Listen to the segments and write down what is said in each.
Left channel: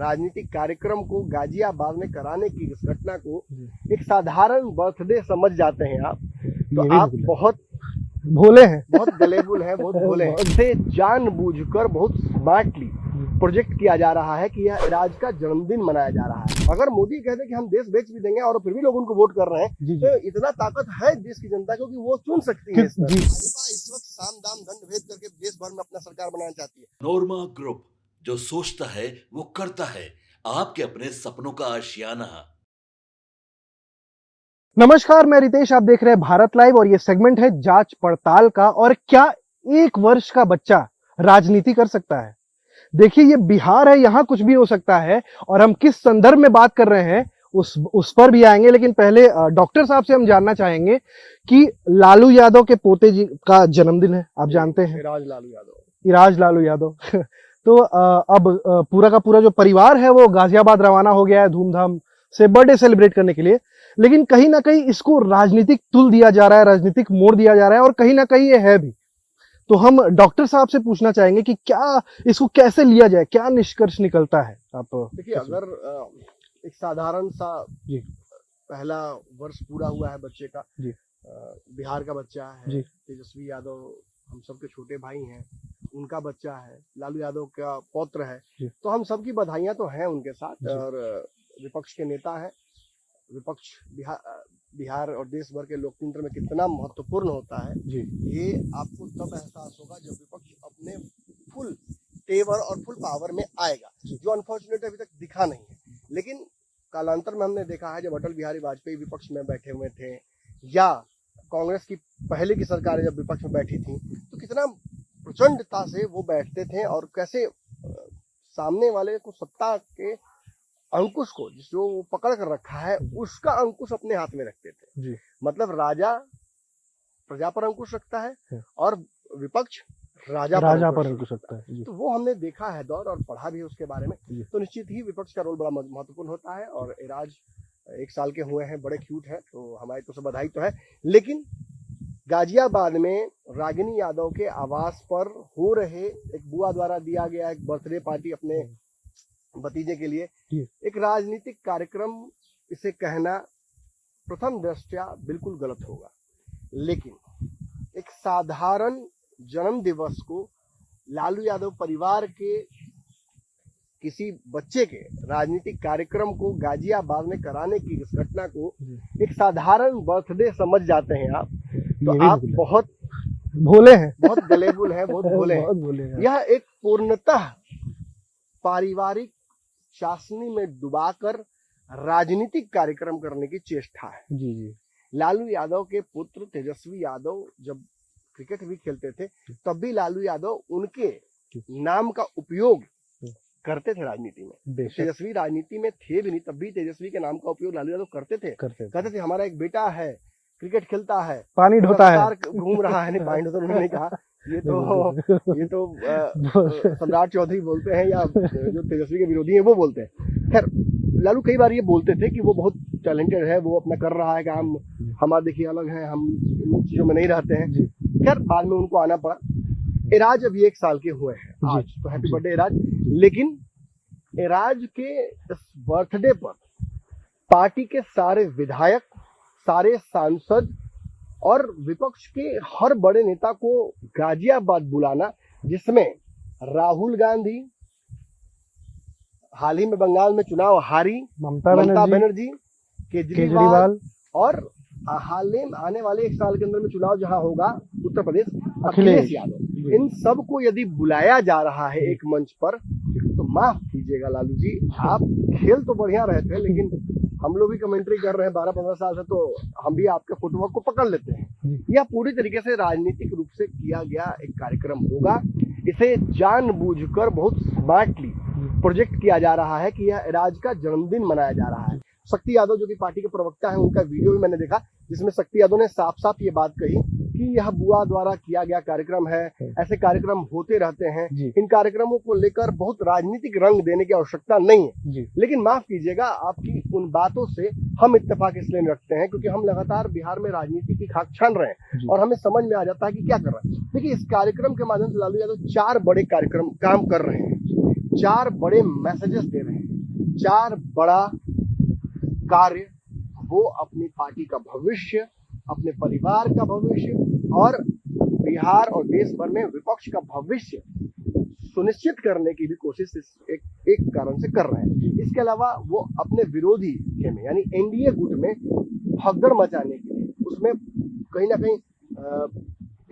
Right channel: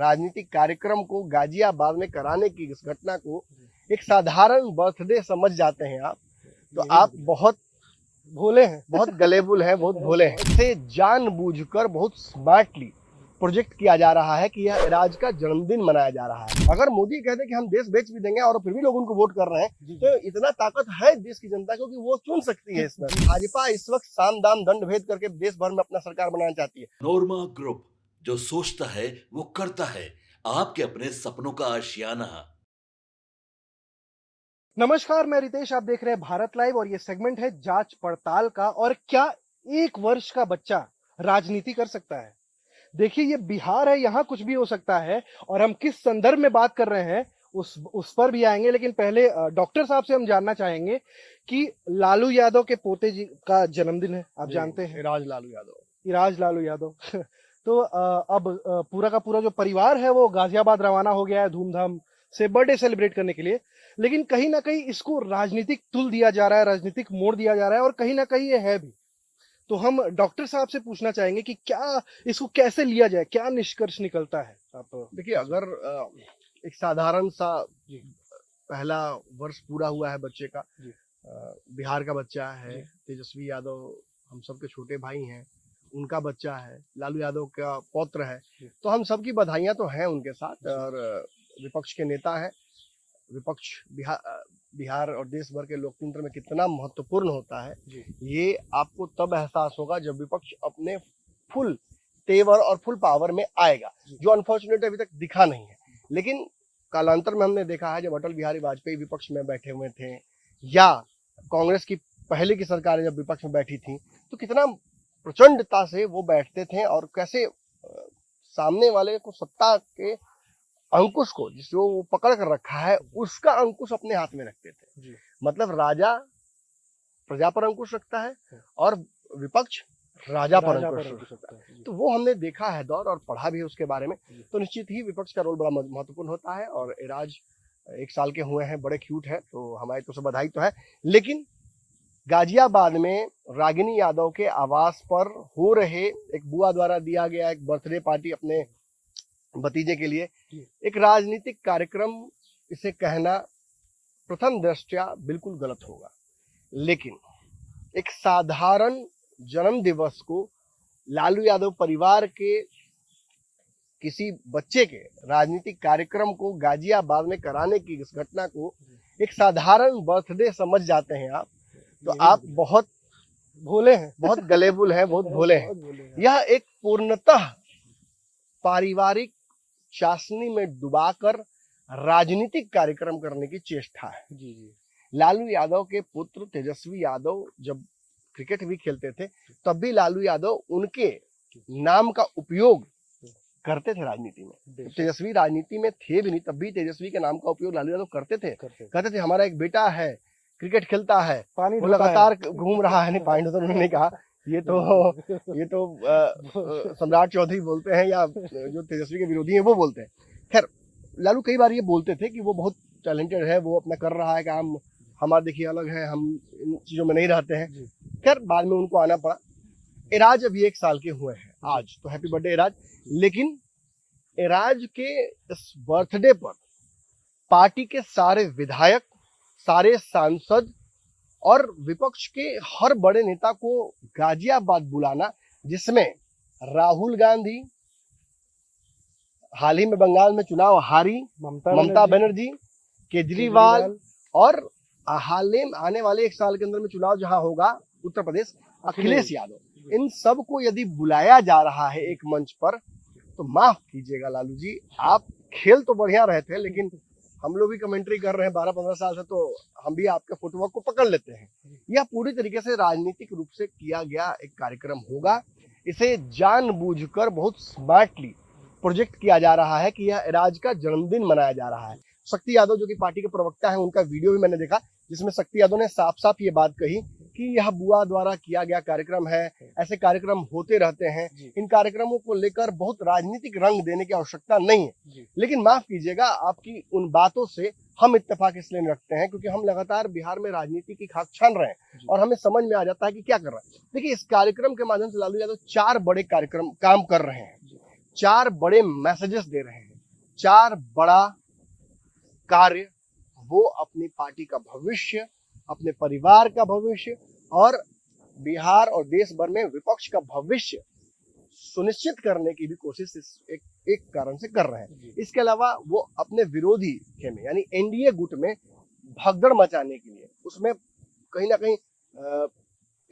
राजनीतिक कार्यक्रम को गाजियाबाद में कराने की इस घटना को एक साधारण बर्थडे समझ जाते हैं आप, तो आप बहुत भोले हैं, बहुत गलेबुल हैं, बहुत भोले हैं। इसे जानबूझकर बहुत स्मार्टली प्रोजेक्ट किया जा रहा है कि यह राज का जन्मदिन मनाया जा रहा है। अगर मोदी कहते कि हम देश बेच भी देंगे और फिर भी लोग उनको वोट कर रहे हैं, तो इतना ताकत है देश की जनता को कि वो चुन सकती है। भाजपा इस वक्त साम दाम दंड भेद करके देश भर में अपना सरकार बनाना चाहती है। नोरमा ग्रुप, जो सोचता है वो करता है, आपके अपने सपनों का आशियाना। नमस्कार, मैं रितेश, आप देख रहे हैं भारत लाइव और ये सेगमेंट है जांच पड़ताल का। और क्या 1 वर्ष का बच्चा राजनीति कर सकता है? देखिए, ये बिहार है, यहां कुछ भी हो सकता है। और हम किस संदर्भ में बात कर रहे हैं उस पर भी आएंगे, लेकिन पहले डॉक्टर साहब से हम जानना चाहेंगे कि लालू यादव के पोते जी का जन्मदिन है, आप जानते हैं, इराज लालू यादव तो अब पूरा का पूरा जो परिवार है वो गाजियाबाद रवाना हो गया है धूमधाम से बर्थडे सेलिब्रेट करने के लिए। लेकिन कहीं ना कहीं इसको राजनीतिक तुल दिया जा रहा है, राजनीतिक मोड़ दिया जा रहा है, और कहीं ना कहीं ये है भी। तो हम डॉक्टर साहब से पूछना चाहेंगे कि क्या इसको कैसे लिया जाए, क्या निष्कर्ष निकलता है? आप देखिए, अगर एक साधारण सा पहला वर्ष पूरा हुआ है बच्चे का, बिहार का बच्चा है, तेजस्वी यादव हम सबके छोटे भाई हैं, उनका बच्चा है, लालू यादव का पौत्र है, तो हम सबकी बधाइयां तो हैं उनके साथ। और विपक्ष के नेता है, विपक्ष बिहार और देश भर के लोकतंत्र में कितना महत्वपूर्ण होता है, ये आपको तब एहसास होगा जब विपक्ष अपने फुल तेवर और फुल पावर में आएगा, जो अनफॉर्चुनेट अभी तक दिखा नहीं है। लेकिन कालांतर में हमने देखा है, जब अटल बिहारी वाजपेयी विपक्ष में बैठे हुए थे, या कांग्रेस की पहले की सरकारें जब विपक्ष में बैठी थी, तो कितना प्रचंडता से वो बैठते थे और कैसे सामने वाले को सत्ता के अंकुश को, जो वो पकड़ कर रखा है, उसका अंकुश अपने हाथ में रखते थे। मतलब राजा प्रजा पर अंकुश रखता है और विपक्ष राजा पर अंकुश रखता है। तो वो हमने देखा है दौर, और पढ़ा भी है उसके बारे में। तो निश्चित ही विपक्ष का रोल बड़ा महत्वपूर्ण होता है। और इराज 1 साल के हुए हैं, बड़े क्यूट है, तो हमारी तो सब बधाई तो है। लेकिन गाजियाबाद में रागिनी यादव के आवास पर हो रहे एक बुआ द्वारा दिया गया एक बर्थडे पार्टी अपने भतीजे के लिए एक राजनीतिक कार्यक्रम, इसे कहना प्रथम दृष्टया बिल्कुल गलत होगा। लेकिन एक साधारण जन्म दिवस को लालू यादव परिवार के किसी बच्चे के राजनीतिक कार्यक्रम को गाजियाबाद में कराने की इस घटना को एक साधारण बर्थडे समझ जाते हैं आप, तो आप बहुत भोले हैं, बहुत गलेबुल हैं, बहुत भोले हैं। यह एक पूर्णतः पारिवारिक चाशनी में डुबाकर राजनीतिक कार्यक्रम करने की चेष्टा है। लालू यादव के पुत्र तेजस्वी यादव जब क्रिकेट भी खेलते थे, तब भी लालू यादव उनके नाम का उपयोग करते थे राजनीति में। तेजस्वी राजनीति में थे भी नहीं, तब भी तेजस्वी के नाम का उपयोग लालू यादव करते थे। कहते थे हमारा एक बेटा है, क्रिकेट खेलता है, पानी ढोता है, घूम रहा है। नहीं, पानी ढोता उन्होंने कहा, ये तो सम्राट चौधरी बोलते हैं, या जो तेजस्वी के विरोधी हैं वो बोलते हैं। खैर, लालू कई बार ये बोलते थे कि वो बहुत टैलेंटेड है, वो अपना कर रहा है काम, हमारा देखिए अलग है, हम इन चीजों में नहीं रहते हैं। खैर, बाद में उनको आना पड़ा। इराज अभी 1 साल के हुए हैं आज, तो हैप्पी बर्थडे इराज। लेकिन इराज के इस बर्थडे पर पार्टी के सारे विधायक, सारे सांसद और विपक्ष के हर बड़े नेता को गाजियाबाद बुलाना, जिसमें राहुल गांधी हाल ही में बंगाल में चुनाव हारी, ममता बनर्जी, केजरीवाल, और हाल में आने वाले 1 साल के अंदर में चुनाव जहां होगा उत्तर प्रदेश, अखिलेश यादव, इन सब को यदि बुलाया जा रहा है एक मंच पर, तो माफ कीजिएगा लालू जी, आप खेल तो बढ़िया रहे थे, लेकिन हम लोग भी कमेंट्री कर रहे हैं 12-15 साल से, तो हम भी आपके फुटवर्क को पकड़ लेते हैं। यह पूरी तरीके से राजनीतिक रूप से किया गया एक कार्यक्रम होगा। इसे जानबूझकर बहुत स्मार्टली प्रोजेक्ट किया जा रहा है कि यह इराज का जन्मदिन मनाया जा रहा है। शक्ति यादव जो कि पार्टी के प्रवक्ता हैं, उनका वीडियो भी मैंने देखा, जिसमें शक्ति यादव ने साफ साफ ये बात कही कि यह बुआ द्वारा किया गया कार्यक्रम है, ऐसे कार्यक्रम होते रहते हैं, इन कार्यक्रमों को लेकर बहुत राजनीतिक रंग देने की आवश्यकता नहीं है। लेकिन माफ कीजिएगा, आपकी उन बातों से हम इत्तेफाक इसलिए रखते हैं क्योंकि हम लगातार बिहार में राजनीति की खाक छान रहे हैं और हमें समझ में आ जाता है कि क्या कर रहे हैं। देखिए, इस कार्यक्रम के माध्यम से लालू यादव 4 बड़े कार्यक्रम काम कर रहे हैं, 4 बड़े मैसेजेस दे रहे हैं। चार बड़ा कार्य, वो अपनी पार्टी का भविष्य, अपने परिवार का भविष्य और बिहार और देश भर में विपक्ष का भविष्य सुनिश्चित करने की भी कोशिश एक कारण से कर रहे हैं। इसके अलावा वो अपने विरोधी में यानी एनडीए गुट में भगदड़ मचाने के लिए, उसमें कहीं ना कहीं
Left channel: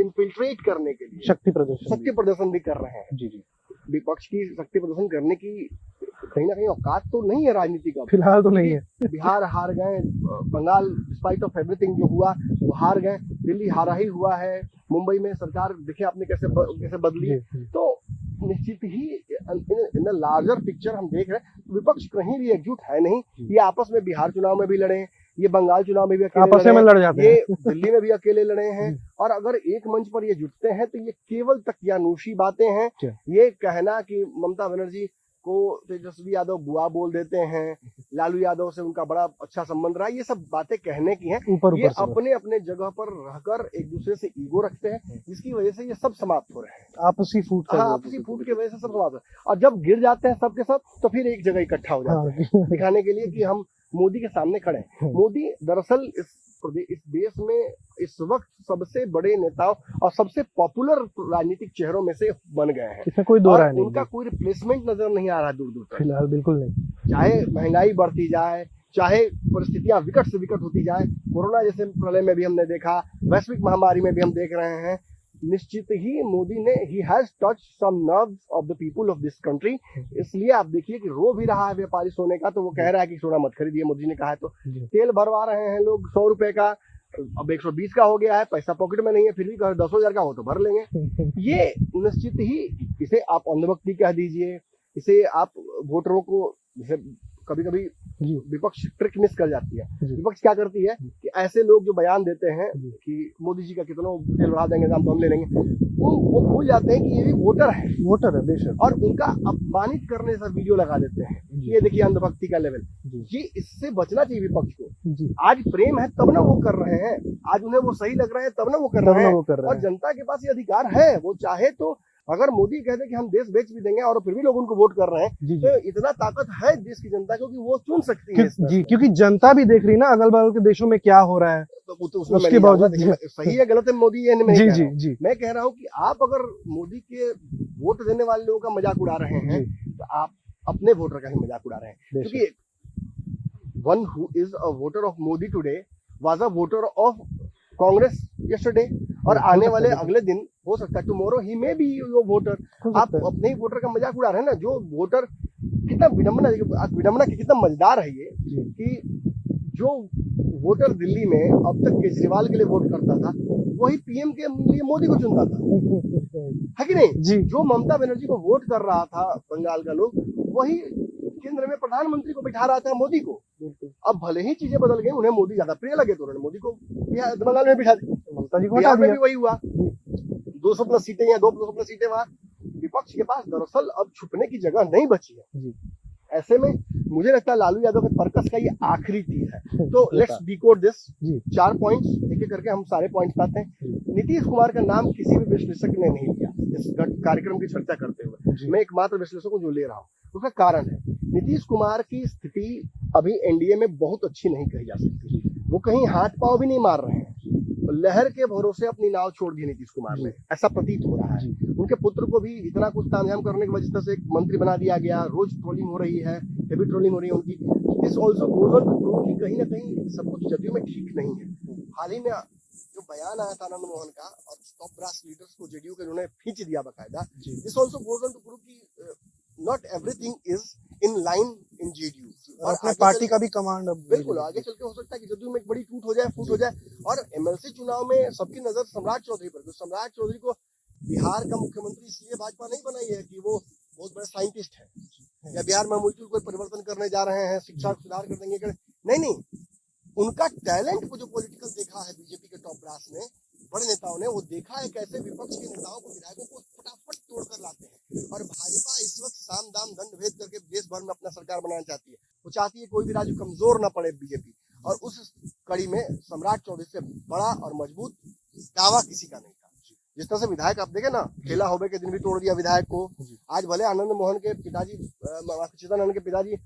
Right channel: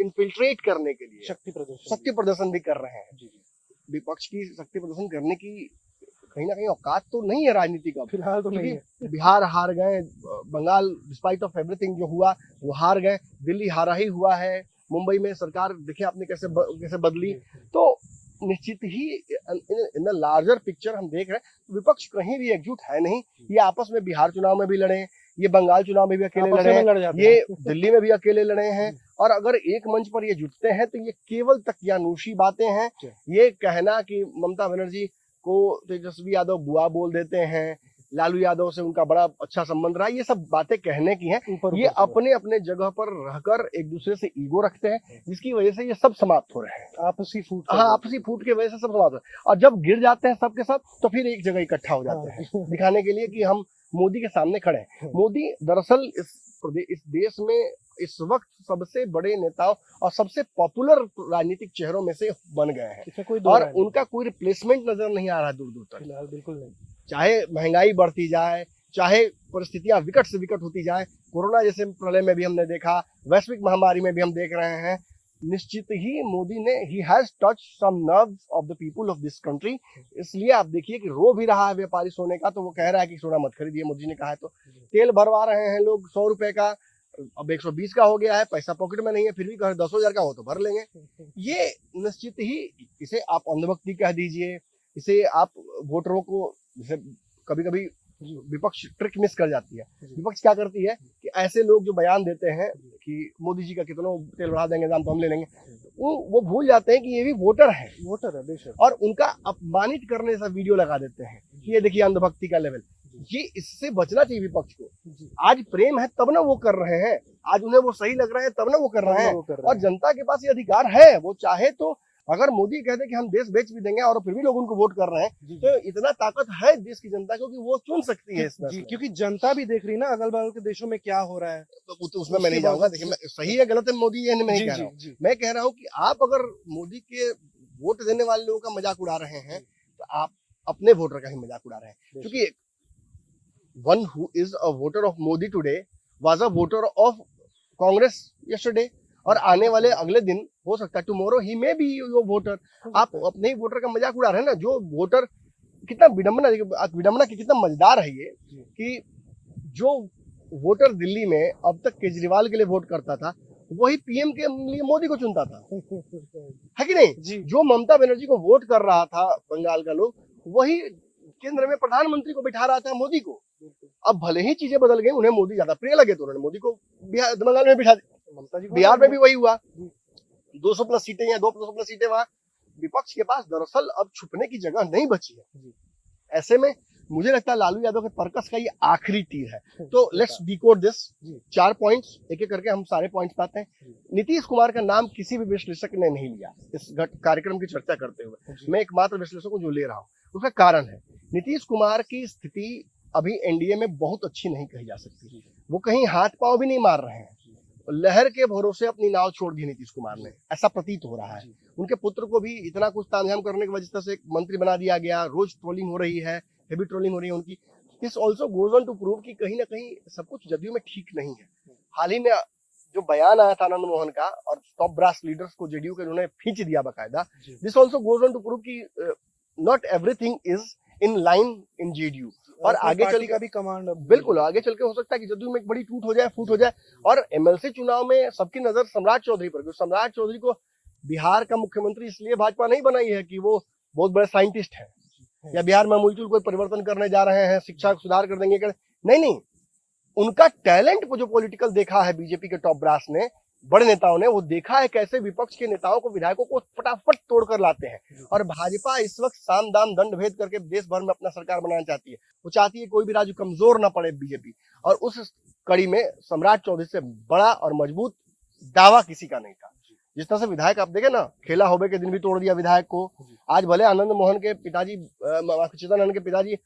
इन्फिल्ट्रेट करने के लिए शक्ति प्रदर्शन भी कर रहे हैं। जी जी, विपक्ष की शक्ति प्रदर्शन करने की कहीं ना कहीं औकात तो नहीं है राजनीति का, फिलहाल तो नहीं है। बिहार हार गए, बंगाल डिस्पाइट ऑफ एवरीथिंग जो हुआ वो हार गए, दिल्ली हारा ही हुआ है, मुंबई में सरकार देखिए आपने कैसे बदली। तो निश्चित ही इन द लार्जर पिक्चर हम देख रहे हैं विपक्ष कहीं भी एकजुट है नहीं। ये आपस में बिहार चुनाव में भी लड़े, ये बंगाल चुनाव में भी अकेले लड़े, ये दिल्ली में भी अकेले लड़े हैं। और अगर एक मंच पर ये जुटते हैं तो ये केवल तकियानूशी बातें हैं। ये कहना कि ममता बनर्जी को तेजस्वी यादव बुआ बोल देते हैं, लालू यादव से उनका बड़ा अच्छा संबंध रहा, ये सब बातें कहने की हैं। ये अपने अपने जगह पर रहकर एक दूसरे से ईगो रखते हैं, जिसकी वजह से ये सब समाप्त हो रहे हैं। आपसी फूट के वजह से सब समाप्त हो रहे हैं। और जब गिर जाते हैं सब के सब तो फिर एक जगह इकट्ठा हो जाते हैं दिखाने के लिए कि हम मोदी के सामने खड़े हैं। मोदी दरअसल इस देश में इस वक्त सबसे बड़े नेताओं और सबसे पॉपुलर राजनीतिक चेहरों में से बन गए हैं। इसमें कोई दो राय नहीं, उनका कोई रिप्लेसमेंट नजर नहीं आ रहा दूर दूर तक, फिलहाल बिल्कुल नहीं। चाहे महंगाई बढ़ती जाए, चाहे परिस्थितियां विकट से विकट होती जाए, कोरोना जैसे प्रलय में भी हमने देखा, वैश्विक महामारी में भी हम देख रहे हैं, निश्चित ही मोदी ने ही has touch some nerves of the people of this country. इसलिए आप देखिए कि रो भी रहा है व्यापारी सोने का, तो वो कह रहा है कि सोना मत खरीदिए, मोदी ने कहा है। तो तेल भरवा रहे हैं लोग 100 रुपए का, अब 120 का हो गया है, पैसा पॉकेट में नहीं है, फिर भी 10,000 का हो तो भर लेंगे। ये निश्चित ही, इसे आप अंधभक्ति कह दीजिए, इसे आप वोटरों को, जैसे कभी कभी विपक्ष ट्रिक मिस कर जाती है। विपक्ष क्या करती है कि ऐसे लोग जो बयान देते हैं कि मोदी जी का कितना तेल बढ़ा देंगे, दाम तो हम ले लेंगे, वो भूल जाते हैं कि ये भी वोटर है बेशक, और उनका अपमानित करने से वीडियो लगा देते हैं। ये देखिए अंधभक्ति का लेवल। ये इससे बचना चाहिए विपक्ष को। आज प्रेम है तब ना वो कर रहे हैं, आज उन्हें वो सही लग रहा है तब ना वो कर रहे हैं। और जनता के पास ये अधिकार है, वो चाहे तो अगर मोदी कहते कि हम देश बेच भी देंगे और फिर भी लोग उनको वोट कर रहे हैं, तो इतना ताकत है देश की जनता को कि वो चुन सकती है जी, क्योंकि जनता भी देख रही ना अगल बगल के देशों में क्या हो रहा है। तो उसमें सही है गलत है मोदी ये नहीं, मैं कह रहा हूँ कि आप अगर मोदी के वोट देने वाले लोगों का मजाक उड़ा रहे हैं तो आप अपने वोटर का ही मजाक उड़ा रहे हैं। क्योंकि one who is a voter of Modi today was a voter of Congress yesterday, और आने वाले अगले दिन हो सकता है tomorrow he may be your voter. आप अपने ही वोटर का मजाक उड़ा रहे हैं ना। जो वोटर, कितना विडम्बना की कितना मजेदार है ये कि जो वोटर दिल्ली में अब तक केजरीवाल के लिए वोट करता था, वही पीएम के लिए मोदी को चुनता था, है कि नहीं? जो ममता बनर्जी को वोट कर रहा था बंगाल का लोग, वही केंद्र में प्रधानमंत्री को बिठा रहा था मोदी को। अब भले ही चीजें बदल गई, उन्हें मोदी ज्यादा प्रिय लगे तो उन्होंने मोदी को बंगाल में बिठा दिया। बिहार में भी वही हुआ, 200+ सीटें या 200+ सीटें वहां। विपक्ष के पास दरअसल अब छुपने की जगह नहीं बची है। ऐसे में मुझे लगता है लालू यादव के पर्पस का ये आखिरी तीर है। तो लेट्स डिकोड दिस। 4 पॉइंट्स एक एक करके हम सारे पॉइंट्स पाते हैं। नीतीश कुमार का नाम किसी भी विश्लेषक ने नहीं लिया इस कार्यक्रम की चर्चा करते हुए। मैं एकमात्र विश्लेषक को जो ले रहा हूँ, उसका कारण है नीतीश कुमार की स्थिति अभी एनडीए में बहुत अच्छी नहीं कही जा सकती। वो कहीं हाथ पांव भी नहीं मार रहे हैं, लहर के भरोसे अपनी नाव छोड़ दी नीतीश कुमार ने, ऐसा प्रतीत हो रहा है। उनके पुत्र को भी इतना कुछ तामझाम करने की वजह से एक मंत्री बना दिया गया, रोज ट्रोलिंग हो रही है, हेवी ट्रोलिंग हो रही है उनकी। This also goes on to prove कि कहीं ना कहीं सब कुछ जदयू में ठीक नहीं है। हाल ही में जो बयान आया था आनंद मोहन का और टॉप ब्रास लीडर्स को जेडीयू के उन्होंने खींच दिया बकायदा, this also goes on to prove कि not everything is in line in JDU. और आगे पार्टी का भी कमांड बिल्कुल आगे चल के हो सकता है कि जदयू में एक बड़ी फूट हो जाए। और एमएलसी चुनाव में सबकी नजर सम्राट चौधरी पर, क्योंकि सम्राट चौधरी को बिहार का मुख्यमंत्री इसलिए भाजपा नहीं बनाई है कि वो बहुत बड़े साइंटिस्ट है या बिहार में अमूलचूल कोई परिवर्तन करने जा रहे हैं, शिक्षा सुधार कर देंगे। नहीं, उनका टैलेंट को जो पॉलिटिकल देखा है बीजेपी के टॉप ब्रास ने, बड़े नेताओं ने, वो देखा है कैसे विपक्ष के नेताओं को, विधायकों को फटाफट तोड़कर लाते हैं। और भाजपा इस वक्त साम दाम दंड भेद करके देश भर में अपना सरकार बनाना चाहती है। वो चाहती है कोई भी राज्य कमजोर ना पड़े बीजेपी। और उस कड़ी में सम्राट चौधरी से बड़ा और मजबूत दावा किसी का नहीं था। जिस तरह से विधायक आप देखे ना, खेला होबे के दिन भी तोड़ दिया विधायक को। आज भले आनंद मोहन के पिताजी, चेतन आनंद के पिताजी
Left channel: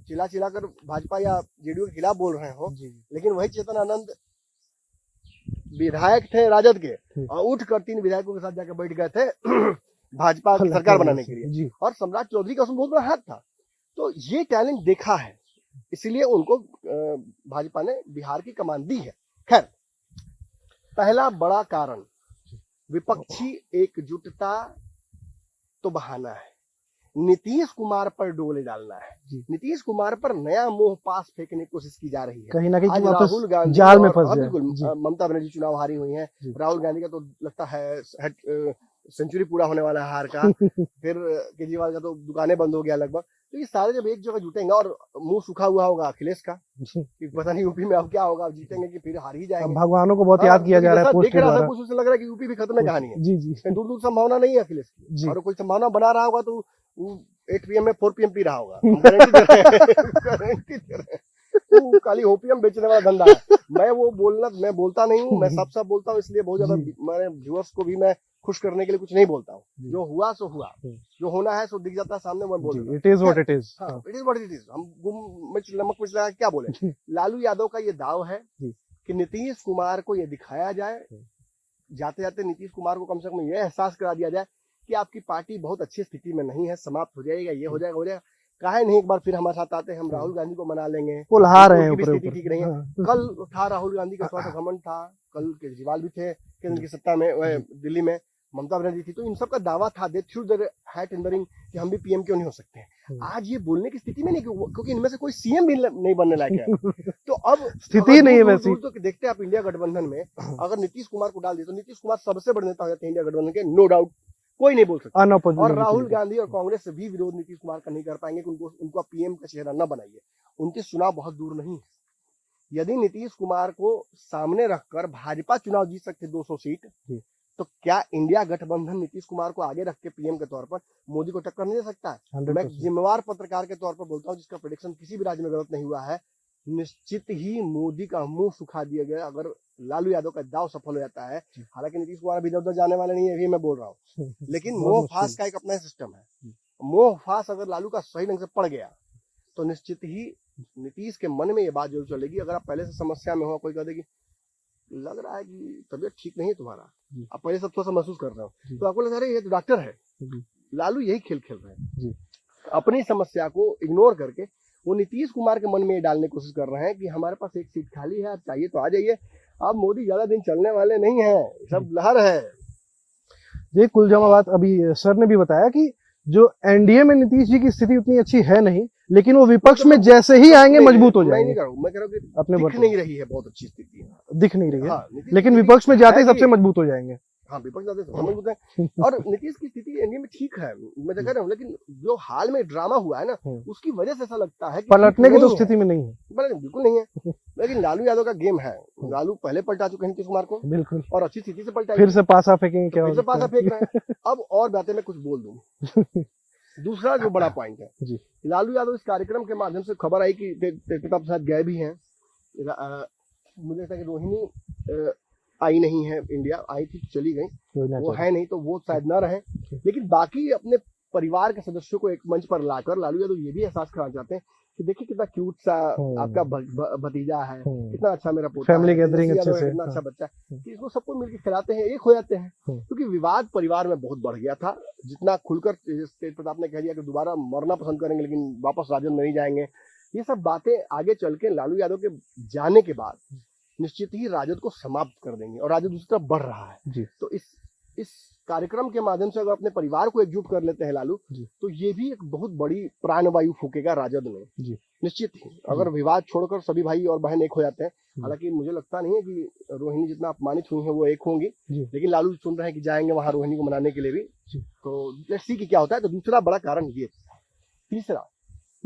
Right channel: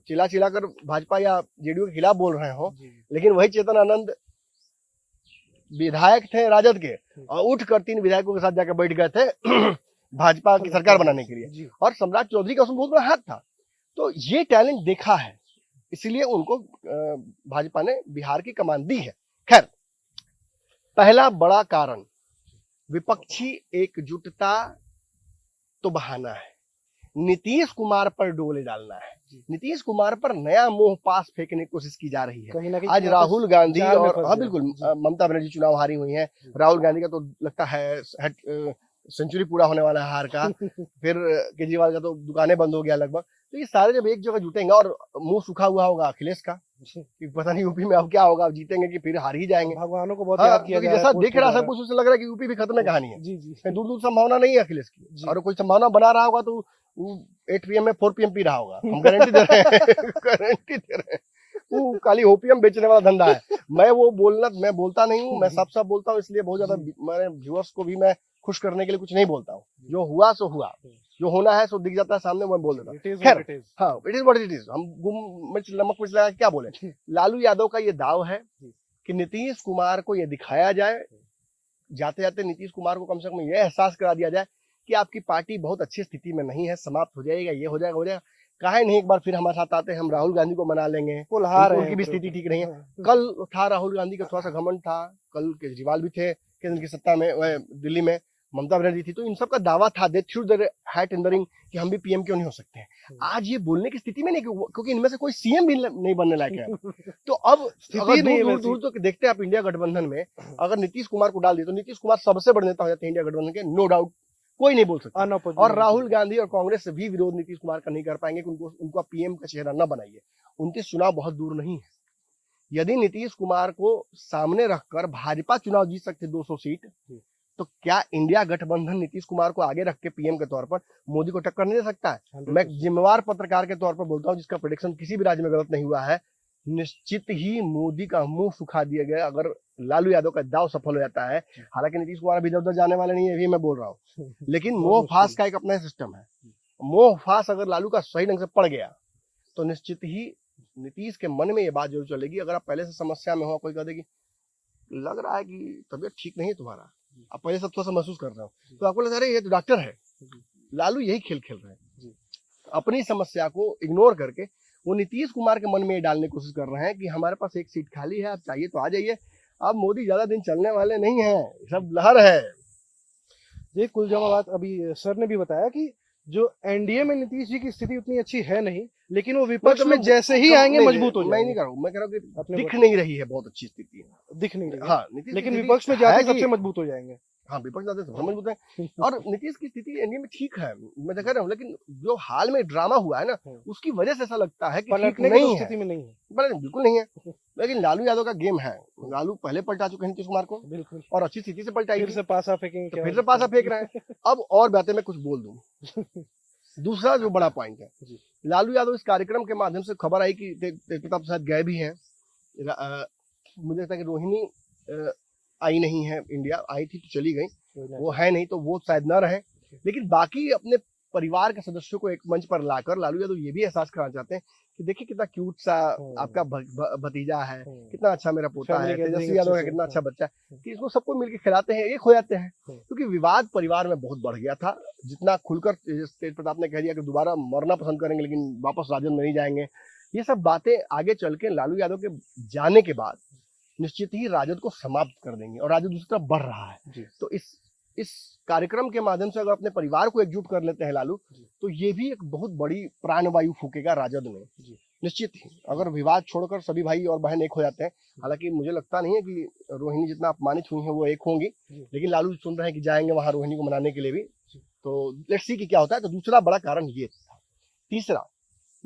चिल्ला चिल्ला कर भाजपा या जेडीयू के खिलाफ बोल रहे हो, लेकिन वही चेतन आनंद विधायक थे राजद के और उठकर 3 विधायकों के साथ जाकर बैठ गए थे भाजपा की सरकार बनाने के लिए। और सम्राट चौधरी का उसमें बहुत बड़ा हाथ था। तो ये टैलेंट देखा है, इसलिए उनको भाजपा ने बिहार की कमान दी है। खैर, पहला बड़ा कारण विपक्षी एकजुटता तो बहाना है, नीतीश कुमार पर डोले डालना है। नीतीश कुमार पर नया मोह पास फेंकने की कोशिश की जा रही है। कहीं ना कहीं आज राहुल गांधी जाल में और फंस हाँ गया। बिल्कुल, ममता बनर्जी चुनाव हारी हुई है। राहुल गांधी का तो लगता है सेंचुरी पूरा होने वाला है हार का। फिर केजरीवाल का तो दुकानें बंद हो गया लगभग। तो ये सारे जब एक जगह जुटेंगे और मुंह सूखा हुआ होगा अखिलेश का कि पता नहीं यूपी में अब क्या होगा, अब जीतेंगे कि फिर हार ही जाएंगे। भगवानों को बहुत याद किया जा रहा है। देख रहा सब कुछ उससे लग रहा है कि यूपी भी खत्म है कहानी है। जी जी, दूर दूर संभावना नहीं है अखिलेश की, और कोई संभावना बना रहा होगा तो वो 8 PM में 4 PM पी रहा होगा। हम गारंटी दे रहे हैं, गारंटी दे रहे हैं। वो खाली ओपीएम बेचने वाला धंधा है। मैं बोलता नहीं हूँ, मैं सब बोलता हूँ, इसलिए बहुत ज्यादा मेरे व्यूअर्स को भी मैं खुश करने के लिए कुछ नहीं बोलता हूँ। जो हुआ सो हुआ, जो होना है सो दिख जाता है सामने, मैं बोल देता हूँ। It is what it is. हाँ, it is what it is. हम गुम मिर्च नमक मिर्च लगा क्या बोले। लालू यादव का ये दाव है कि नीतीश कुमार को ये दिखाया जाए, जाते जाते नीतीश कुमार को कम से कम ये एहसास करा दिया जाए कि आपकी पार्टी बहुत अच्छी स्थिति में नहीं है, समाप्त हो जाएगा, ये हो जाएगा, हो जाएगा। काहे नहीं एक बार फिर हमारे साथ आते हैं, हम राहुल गांधी को मना लेंगे। उनकी भी स्थिति ठीक नहीं है। कल था राहुल गांधी का थोड़ा सा घमंड था, कल केजरीवाल भी थे केंद्र की सत्ता में, दिल्ली में ममता बनर्जी थी, तो इन सब का दावा था, they threw their hat in the ring कि हम भी पीएम क्यों नहीं हो सकते हैं। आज ये बोलने की स्थिति में नहीं, क्योंकि इनमें से कोई सीएम भी नहीं बनने लायक है। तो अब स्थिति नहीं है वैसी। तो देखते हैं आप इंडिया गठबंधन में अगर नीतीश कुमार को डाल दिए तो नीतीश कुमार सबसे बड़े नेता हो जाते हैं इंडिया गठबंधन के, नो डाउट, कोई नहीं बोल सकता। और राहुल गांधी और कांग्रेस से भी विरोध नीतीश कुमार का नहीं कर पाएंगे कि उनको पीएम का चेहरा न बनाइए। 29 चुनाव बहुत दूर नहीं है। यदि नीतीश कुमार को सामने रखकर भाजपा चुनाव जीत सकते 200 सीट, तो क्या इंडिया गठबंधन नीतीश कुमार को आगे रख के पीएम के तौर पर मोदी को टक्कर नहीं दे सकता है? मैं जिम्मेवार पत्रकार के तौर पर बोलता हूँ, जिसका प्रेडिक्शन किसी भी राज्य में गलत नहीं हुआ है, निश्चित ही मोदी का मुंह सुखा दिया गया अगर लालू यादव का दाव सफल हो जाता है। हालांकि नीतीश कुमार अभी इधर जाने वाले नहीं है, अभी मैं बोल रहा हूँ, लेकिन मोह फास का एक अपना सिस्टम है। मोह फास अगर लालू का सही ढंग से पड़ गया तो निश्चित ही नीतीश के मन में ये बात जरूर चलेगी। अगर आप पहले से समस्या में हो, कोई कह देगी लग रहा है कि तबीयत ठीक नहीं है तुम्हारा, आप पहले सब थोड़ा सा महसूस कर रहे हो, तो आपको लग रहा है ये तो डॉक्टर है। लालू यही खेल खेल रहे हैं, अपनी समस्या को इग्नोर करके वो नीतीश कुमार के मन में ये डालने की कोशिश कर रहे हैं कि हमारे पास एक सीट खाली है, आप चाहिए तो आ जाइए, अब मोदी ज्यादा दिन चलने वाले नहीं है, सब लहर है। ये कुल जमा बात अभी सर ने भी बताया कि जो एनडीए में नीतीश जी की स्थिति उतनी अच्छी है नहीं, लेकिन वो विपक्ष में जैसे ही आएंगे मजबूत हो जाएंगे। मैं कह रहा हूँ कि दिख नहीं रही है बहुत अच्छी स्थिति, दिख नहीं रही है। हाँ, लेकिन विपक्ष में जाते ही सबसे मजबूत हो जाएंगे। हाँ, विपक्ष जाते सबसे मजबूत है। और नीतीश की स्थिति एनडीए में ठीक है, मैं कह रहा हूँ, लेकिन जो हाल में ड्रामा हुआ है ना, उसकी वजह से ऐसा लगता है कि पलटने की तो स्थिति में नहीं है। बिल्कुल नहीं है। लेकिन लालू यादव का गेम है, लालू पहले पलटा चुके हैं नीतीश कुमार को, बिल्कुल, और अच्छी स्थिति से पलटा, फिर से पासा फेंकेंगे क्या? फिर से पासा फेंक रहे हैं। अब और बातें मैं कुछ बोल दूं। दूसरा जो बड़ा पॉइंट है, लालू यादव इस कार्यक्रम के माध्यम से खबर आई कि तेजप्रताप प्रसाद गए भी हैं। मुझे लगता है कि रोहिणी आई नहीं है, इंडिया आई थी तो चली गई, वो है नहीं तो वो शायद ना रहे। लेकिन बाकी अपने परिवार के सदस्यों को एक मंच पर लाकर लालू यादव ये भी एहसास कराना चाहते हैं कि देखिए कितना क्यूट सा आपका भतीजा है, कितना अच्छा मेरा पोता है, कितना अच्छा बच्चा है, कि इसको सबको मिलकर खिलाते हैं, एक हो जाते हैं। क्योंकि विवाद परिवार में बहुत बढ़ गया था। जितना खुलकर तेज प्रताप ने कह दिया कि दोबारा मरना पसंद करेंगे लेकिन वापस राजद में नहीं जाएंगे, ये सब बातें आगे चल के लालू यादव के जाने के बाद निश्चित ही राजद को समाप्त कर देंगे, और राजद दूसरी तरफ बढ़ रहा है। तो इस कार्यक्रम के माध्यम से अगर अपने परिवार को एकजुट कर लेते हैं लालू, तो ये भी एक बहुत बड़ी प्राणवायु फूकेगा राजद में। निश्चित ही अगर विवाद छोड़कर सभी भाई और बहन एक हो जाते हैं, हालांकि मुझे लगता नहीं है कि रोहिणी जितना अपमानित हुई है वो एक होंगी, लेकिन लालू सुन रहे हैं कि जाएंगे वहां रोहिणी को मनाने के लिए भी। तो लेट्स सी कि क्या होता है। तो दूसरा बड़ा कारण ये। तीसरा,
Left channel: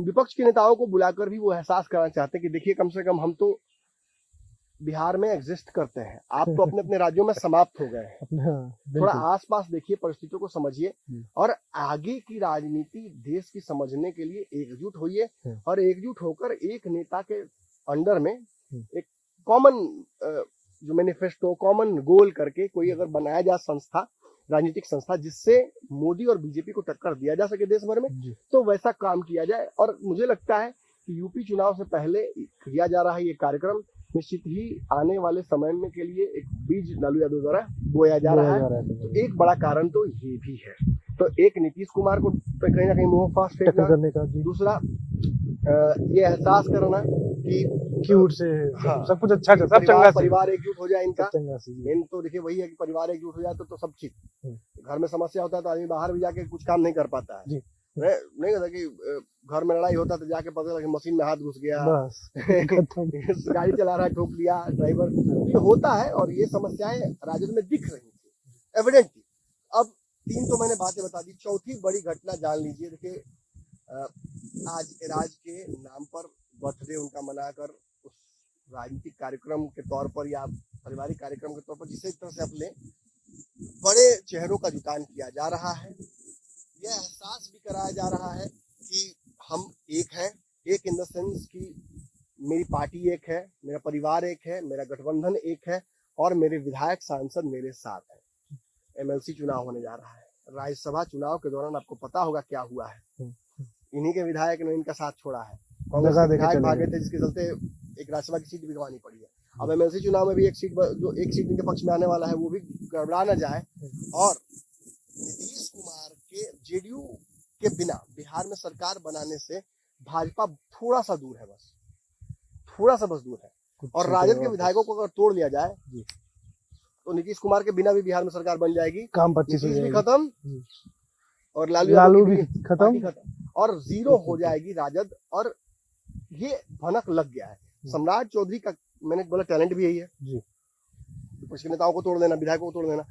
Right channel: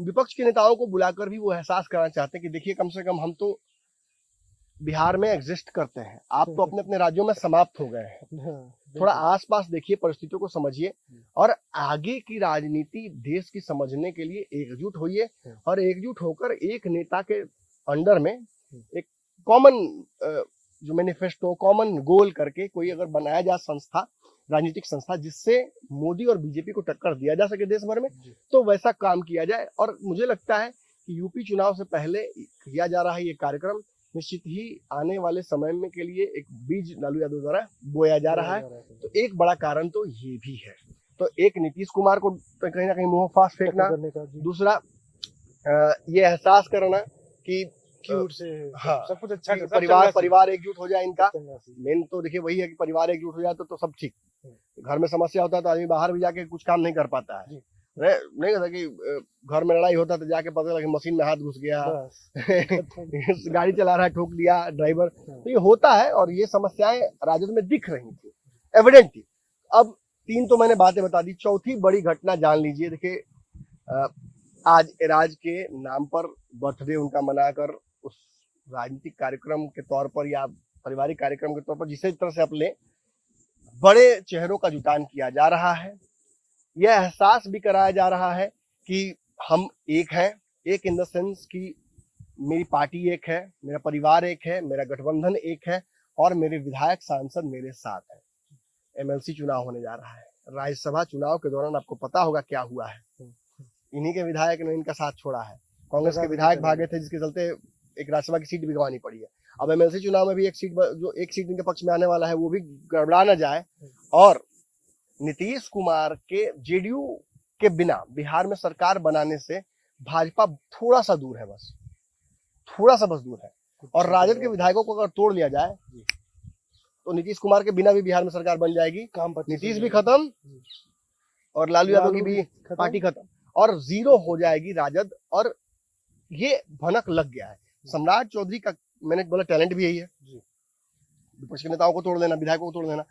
विपक्ष के नेताओं को बुलाकर भी वो एहसास कराना चाहते हैं कि देखिए कम से कम हम तो बिहार में एग्जिस्ट करते हैं, आप तो अपने अपने राज्यों में समाप्त हो गए हैं। थोड़ा आसपास देखिए, परिस्थितियों को समझिए, और आगे की राजनीति देश की समझने के लिए एकजुट होइए, और एकजुट होकर एक नेता के अंडर में एक कॉमन जो मैनिफेस्टो कॉमन गोल करके कोई अगर बनाया जाए संस्था, राजनीतिक संस्था, जिससे मोदी और बीजेपी को टक्कर दिया जा सके देश भर में, तो वैसा काम किया जाए। और मुझे लगता है कि यूपी चुनाव से पहले किया जा रहा है ये कार्यक्रम, निश्चित ही आने वाले समय में के लिए एक बीज लालू यादव द्वारा बोया जा रहा है। तो एक बड़ा कारण तो ये भी है। तो एक नीतीश कुमार को कहीं ना कहीं मुंह फास फेंकना, दूसरा ये एहसास करना कि उठ से हाँ, सब कुछ अच्छा है, सब परिवार एकजुट हो जाए इनका। मेन तो देखिए वही है कि परिवार एकजुट हो जाए तो सब ठीक। घर में समस्या होता है तो आदमी बाहर भी जाके कुछ काम नहीं कर पाता है। नहीं होता कि घर में लड़ाई होता तो जाके पता लगा कि मशीन में हाथ घुस गया, गाड़ी चला रहा है ठोक दिया ड्राइवर। तो ये होता है और ये समस्याएं राजद में दिख रही थी, एविडेंट थी। अब 3 तो मैंने बातें बता दी, चौथी बड़ी घटना जान लीजिए। देखिए आज एराज के नाम पर बर्थडे उनका मनाकर उस राजनीतिक कार्यक्रम के तौर पर या पारिवारिक कार्यक्रम के तौर पर जिस तरह से अपने बड़े चेहरों का जुटान किया जा रहा है, यह एहसास भी कराया जा रहा है कि हम एक हैं, एक इन द सेंस कि मेरी पार्टी एक है, मेरा परिवार एक है, मेरा गठबंधन एक है और मेरे विधायक सांसद मेरे साथ हैं। एमएलसी चुनाव होने जा रहा है। राज्यसभा चुनाव के दौरान आपको पता होगा क्या हुआ है, इन्हीं के विधायक ने इनका साथ छोड़ा है। कांग्रेस के विधायक भागे थे जिसके चलते एक राज्यसभा की सीट भी गंवानी पड़ी है। अब एमएलसी चुनाव में भी एक सीट इनके पक्ष में आने वाला है, वो भी गड़बड़ा ना जाए। और नीतीश कुमार के जेडीयू के बिना बिहार में सरकार बनाने से भाजपा थोड़ा सा दूर है, बस थोड़ा सा बस दूर है। और राजद के विधायकों को अगर तोड़ लिया जाए तो नीतीश कुमार के बिना भी बिहार में सरकार बन जाएगी। नीतीश भी खत्म और लालू यादव की भी पार्टी खत्म और जीरो हो जाएगी राजद। और ये भनक लग गया है। सम्राट चौधरी का मैंने बोला टैलेंट भी यही है, विपक्ष के नेताओं को तोड़ देना, विधायकों को तोड़ देना।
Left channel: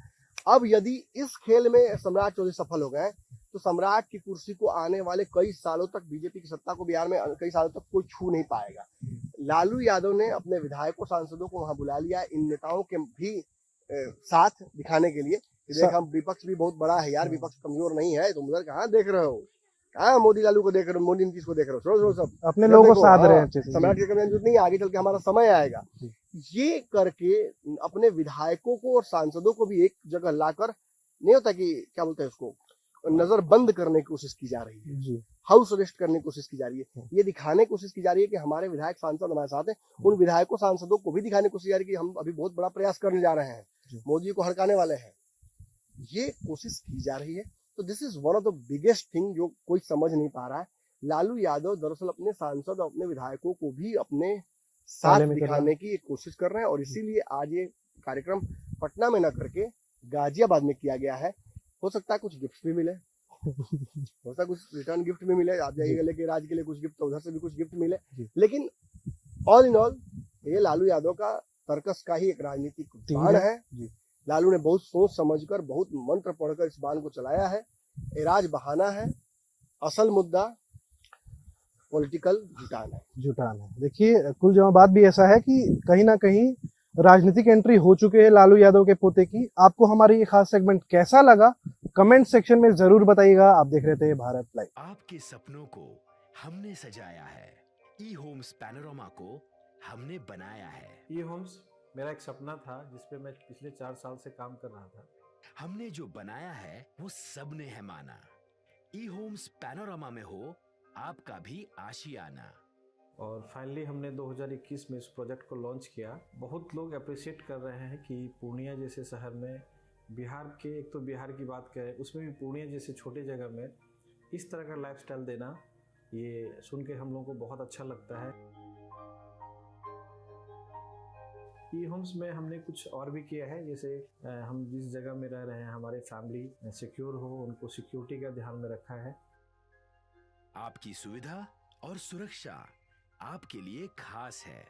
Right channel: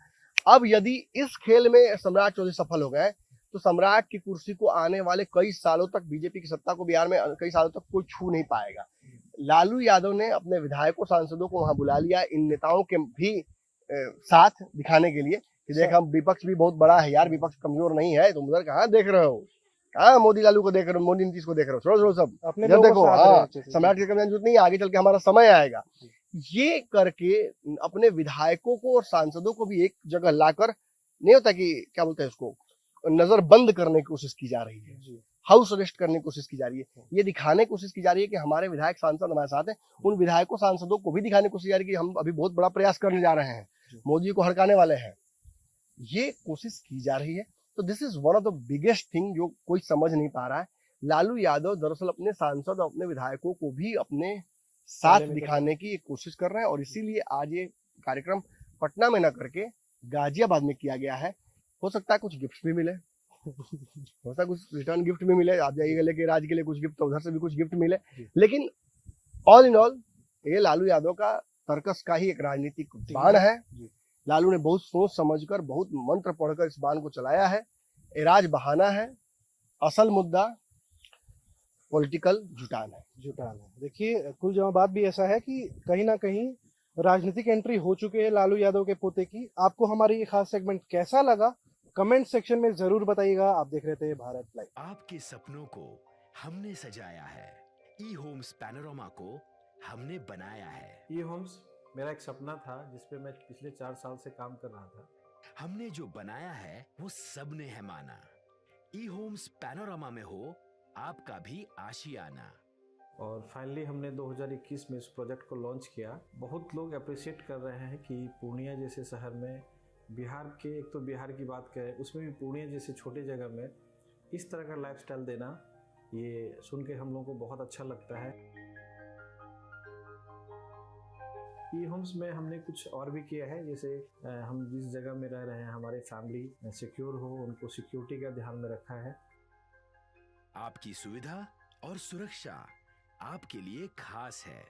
अब यदि इस खेल में सम्राट चौधरी सफल हो गए तो सम्राट की कुर्सी को आने वाले कई सालों तक, बीजेपी की सत्ता को बिहार में कई सालों तक कोई छू नहीं पाएगा। लालू यादव ने अपने विधायकों सांसदों को वहां बुला लिया, इन नेताओं के भी साथ दिखाने के लिए कि देख हम विपक्ष भी बहुत बड़ा है यार, विपक्ष कमजोर नहीं है। तुम उधर कहाँ देख रहे हो, कहाँ मोदी लालू को देख रहे हो, मोदी नीतीश को देख रहे हो, छोड़ो सब अपने लोगों को साथ रहे हैं। सम्राट की जरूरत नहीं, आगे चल के हमारा समय आएगा। ये करके अपने विधायकों को और सांसदों को भी एक जगह लाकर, नहीं होता कि क्या बोलते हैं उसको, नजर बंद करने की कोशिश की जा रही है, हाउस अरेस्ट करने की कोशिश की जा रही है। ये दिखाने की कोशिश की जा रही है कि हमारे विधायक सांसद हमारे साथ हैं। उन विधायकों सांसदों को भी दिखाने की कोशिश की जा रही है कि हम अभी बहुत बड़ा प्रयास करने जा रहे हैं, मोदी को हड़काने वाले हैं, ये कोशिश की जा रही है। तो this is one of the biggest thing जो कोई समझ नहीं पा रहा है। लालू यादव दरअसल अपने सांसद और अपने विधायकों को भी अपने साथ दिखाने की एक कोशिश कर रहे हैं और इसीलिए आज ये कार्यक्रम पटना में न करके गाजियाबाद में किया गया है। हो सकता है कुछ गिफ्ट भी मिले, हो सकता है कुछ रिटर्न गिफ्ट भी मिले, आप जाइएगा लेके राज के लिए कुछ गिफ्ट, तो उधर से भी कुछ गिफ्ट मिले। लेकिन ऑल इन ऑल ये लालू यादव का तर्कस का ही एक राजनीतिक बाण है। लालू ने बहुत सोच समझकर, बहुत मंत्र पढ़कर इस बाण को चलाया है। एराज बहाना है, असल मुद्दा पॉलिटिकल जुटान है। देखिए कुल जमा बात भी ऐसा है कि कहीं ना कहीं राजनीतिक एंट्री हो चुके हैं लालू यादव के पोते की। आपको हमारी ये खास सेगमेंट कैसा लगा कमेंट सेक्शन में जरूर बताइएगा। आप देख रहे थे भारत लाइव। आपके सपनों को हमने सजाया है, ई होम्स पैनोरामा को हमने बनाया है। ई होम्स मेरा एक सपना था जिसपे मैं पिछले 4 साल से काम कर रहा था। हमने जो बनाया है वो सबने है माना। ई होम्स पैनोरामा में हो आपका भी आशियाना। और फाइनली हमने 2021 में इस प्रोजेक्ट को लॉन्च किया। बहुत लोग अप्रिशिएट कर रहे हैं कि पूर्णिया जैसे शहर में, बिहार के, एक तो बिहार की बात करें उसमें भी पूर्णिया जैसे छोटे जगह में इस तरह का लाइफस्टाइल देना, ये सुन के हम लोगों को बहुत अच्छा लगता है। ई होम्स में हमने कुछ और भी किया है, जैसे हम जिस जगह में रह रहे हैं हमारे फैमिली सिक्योर हो, उनको सिक्योरिटी का ध्यान में रखा है। आपकी सुविधा और सुरक्षा आपके लिए खास है,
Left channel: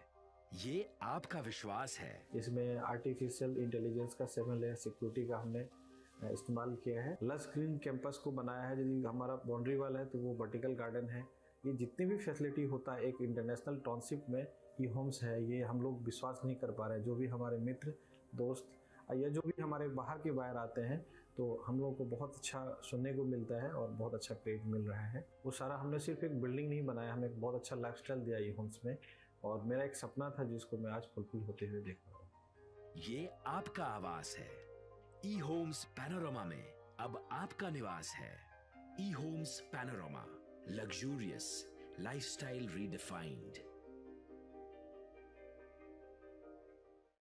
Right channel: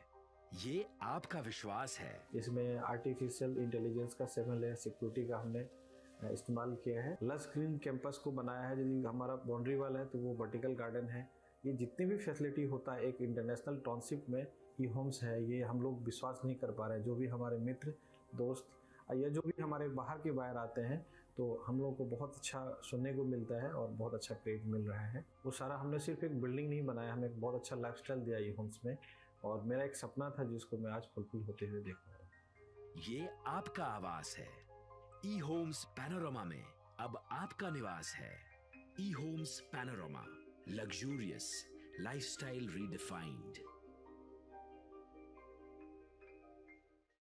ये आपका विश्वास है। इसमें आर्टिफिशियल इंटेलिजेंस का 7 लेयर सिक्योरिटी का हमने इस्तेमाल किया है। लस ग्रीन कैंपस को बनाया है। यदि हमारा बाउंड्री वाल है तो वो वर्टिकल गार्डन है। ये जितनी भी फैसिलिटी होता है एक इंटरनेशनल टाउनशिप में ई होम्स है, ये हम लोग विश्वास नहीं कर पा रहे हैं। जो भी हमारे मित्र दोस्त या जो भी हमारे बाहर के बाहर आते हैं तो हम लोगों को बहुत अच्छा सुनने को मिलता है और बहुत अच्छा क्रेडिट मिल रहा है। वो सारा हमने सिर्फ एक बिल्डिंग नहीं बनाया, हमें एक बहुत अच्छा लाइफस्टाइल दिया ई होम्स में। और मेरा एक सपना था जिसको मैं आज फुलफिल होते हुए देख रहा हूँ। ये आपका आवास है। ई होम्स पैनोरामा में अब आपका निवास है। E Homes Panorama, luxurious lifestyle redefined.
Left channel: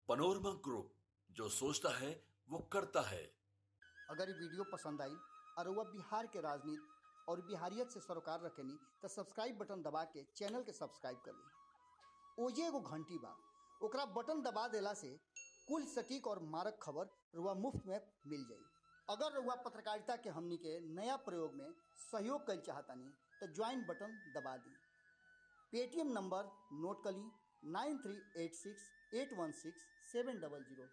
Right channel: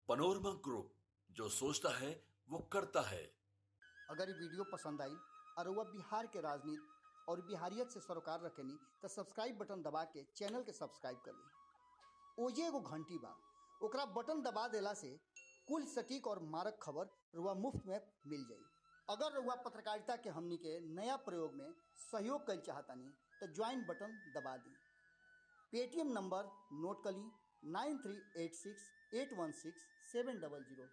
Panorama group, जो सोचता है वो करता है। अगर ये वीडियो पसंद आई और वह बिहार के राजनीति और बिहारियत से सरोकार रखेनी तो सब्सक्राइब बटन दबा के चैनल के सब्सक्राइब कर ली। ओजे एगो घंटी बा, ओकरा बटन दबा देला से कुल सटीक और मारक खबर रुआ मुफ्त में मिल जाई। अगर रुआ पत्रकारिता के हमनी के नया प्रयोग में सहयोग कर चाहतानी तो ज्वाइन बटन दबा दी। पेटीएम नंबर नोट कर ली 9386816700।